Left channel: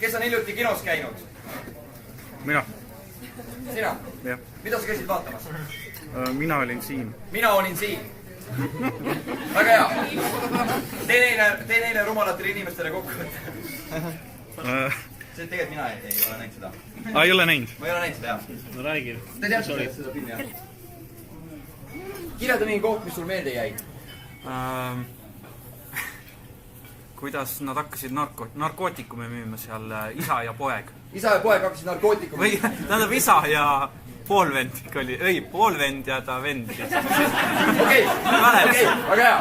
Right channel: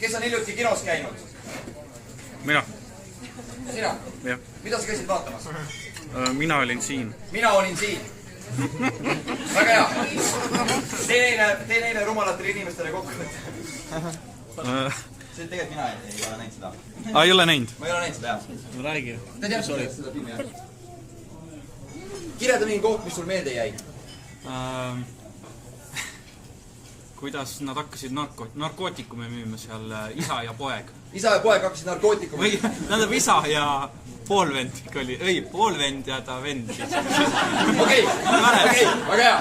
Kes on hiljuti kinos käinud? Mina. Sina? Jah. Mida sa käisid vaatamas? Mina olin siin. Mina olin siin. Väga hea. Tee neile rumalatele inimestele kokkuvõtte. Tegelikult mina ei ole näinud seda. Ei ole näinud? Ma ei ole näinud seda, jah. Ma räägin. Te teate seda filmi, jah? Kirjelda mingi koht, mis sul meelde jäi. Kuidas nad hakkasid narkootikume müüma seal isa ja poeg. Isa ja poeg hakkasid narkootikume. Või tähendab isa ja poolvend ikka oli. Ei, poolvend ja ta vend. Okei, väga hea.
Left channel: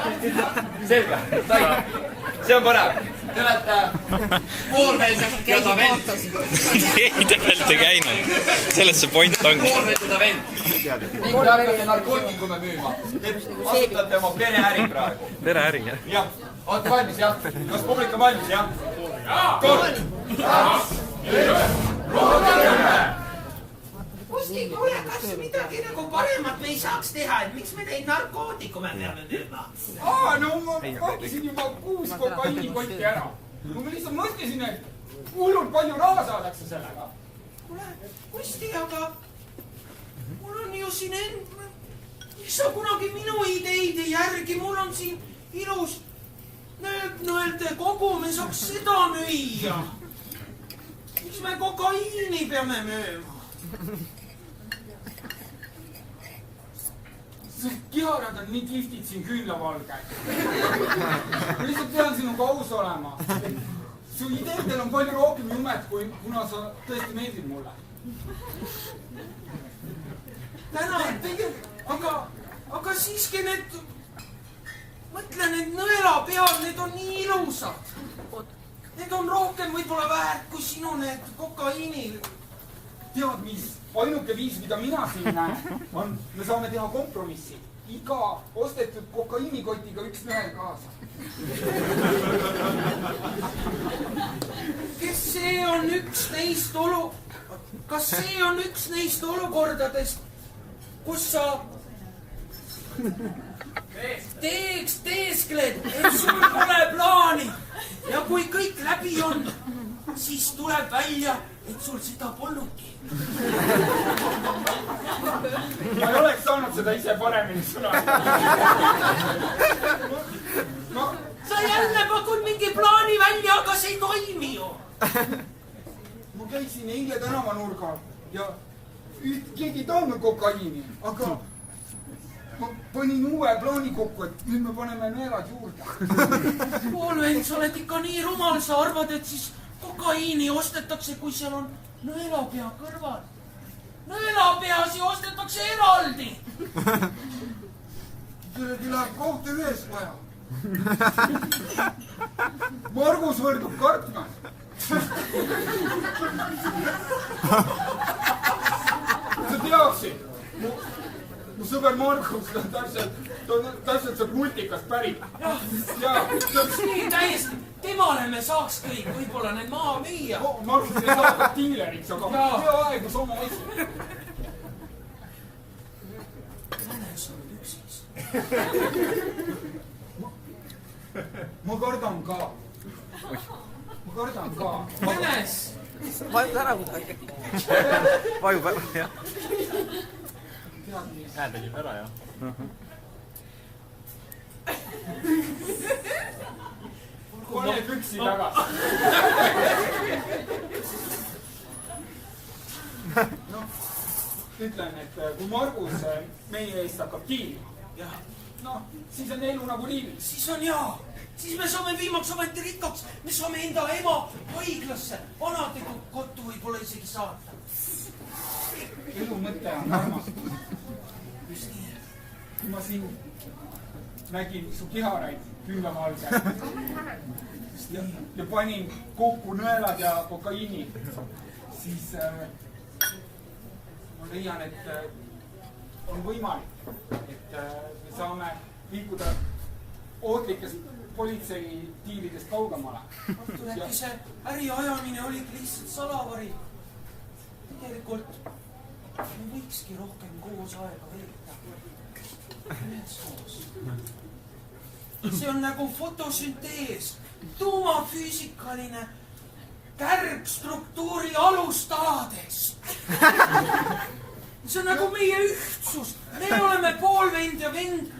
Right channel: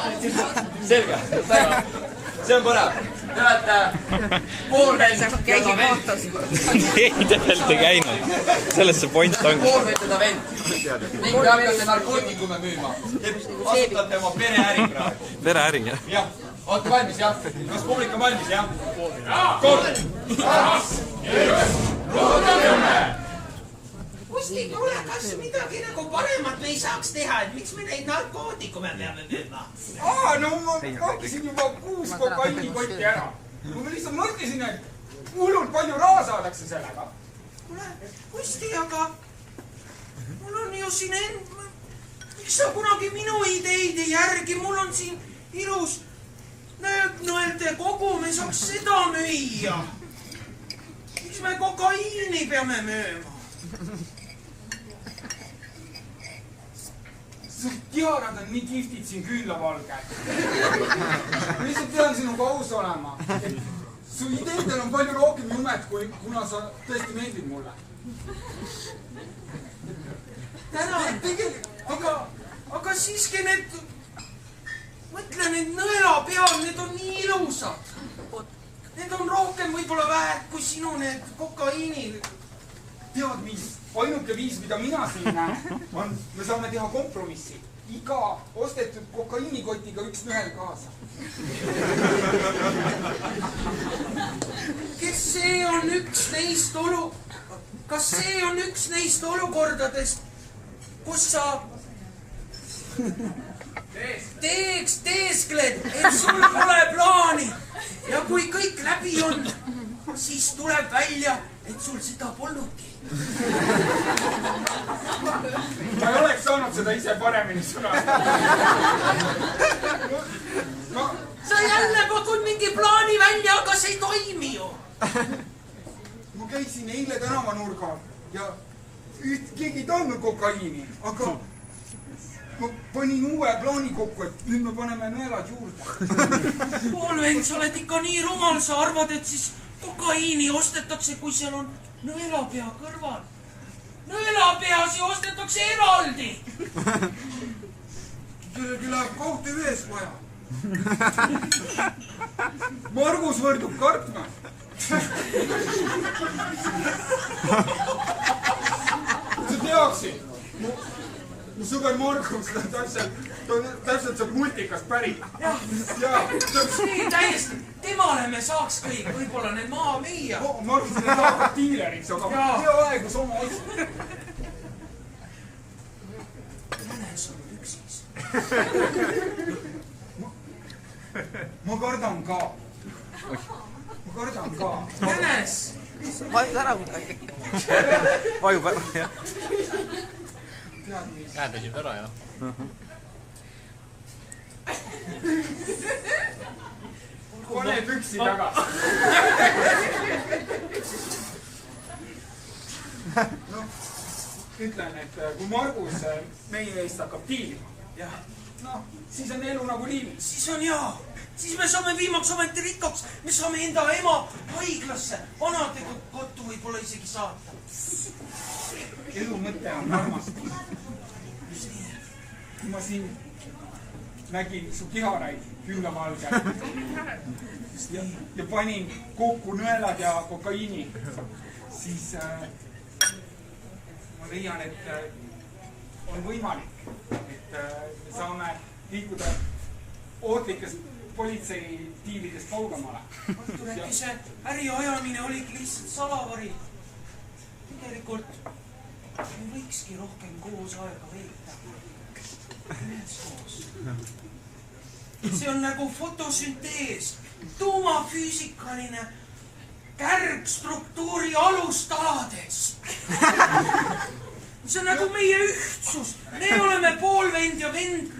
Selge, sain. See on põnev. Te olete poolvend ja ta vend. Keegi täpselt ei käinud. Selles see point ongi. Poolvend ja ta vend. Ning te hakkate narkootikume müüma. Te asutate oma pereäri praegu. Pereäri, jah? Jah. Olete valmis, jah? Kas publik on valmis, jah? 3, 2, 1, ruuda 10. Kusti, kuule, kas midagi nagu paremat me ei saaks teha, et miks me neid narkootikume peame müüma? No ma hankisin juba 6 kokaiinikotti ära. Ma lihtsalt mõtlesin, et hullult palju raha saadakse sellega. Kuule, Kusti, aga mul on ju siin miks sa kunagi minu ideid ei järgi? Mul on siin ilus nööpnõelte kogu, me saaks seda müüa. Miks me kokaiini peame müüma? Su kiharad on nii kihvtid siin küünlavalgel. Ma lihtsalt pean sinuga aus olema. Su ideedel on palju rohkem jumet, kuna sa tõesti meeldid mulle. Tänan, aga siiski need, mõtle, need nõelapead, need on nii ilusad. Need on rohkem võib-olla väärt kui sinu need kokaiini. Tead mis? Ainuke viis, mida mina siin näen, on, me saame teha kompromissi. Iga ostetud kokaiinikotiga üks nõel kaasa. Kas see on üks neist olukordadest, kus sa teeskled, et sul pole plaani ja kui kõik läbi on, siis tuleb välja, et sul seda polnudki. Ma ei oleks saanud seda ise paremini sõnada. Sa jälle pakud mingi plaani välja, aga see ei toimi ju. Ma käisin eile tänavanurgal ja keegi ei tahtnud kokaiini, aga ma panin uue plaani kokku, et nüüd me paneme nõelad juurde. Poolvend, sa oled ikka nii rumal, sa arvad, et siis kokaiini ostetakse, kui seal on nõelapea kõrval. Nõelapeasi ostetakse eraldi. Kellegi läheb kohta ühes vaja. Margus võrdub kartma. Sa teaksid, mu sõber Margus, ta täpselt saab multikast pärit. Nii, täiesti. Temale me saaks kõik, võib-olla need maha müüa. Margus ei saada diileriks, aga hea aegu sama asi. Jänes on üksis. Ma kardan ka. Jänes! Vajub ära midagi. Vajub ära, jah. Käändasid ära, jah. Pane püksi tagasi. Ütlen, et kui Margus meie eest hakkab diilima, siis on elu nagu liivis. Siis on jaa. Siis me saame viimaks ometi rikkaks. Me saame enda ema haiglasse, vanade kotu võib-olla isegi saata. Elu mõte on armastus. Just nii. Kui ma siin nägin su kiharaid küünlavalgel ja panin kokku nõelad ja kokaiini, siis ma leian, et on võimalik, et me saame liikuda ohtlikest politseitiimidest kaugemale. Artur, äkki see äriajamine oligi lihtsalt salavari. Tegelikult me võikski rohkem koos aega veeta. Üheskoos. See on nagu fotosüntees, tuumafüüsikaline kärg struktuuri alustaladest. See on nagu meie ühtsus. Me oleme poolvend ja vend.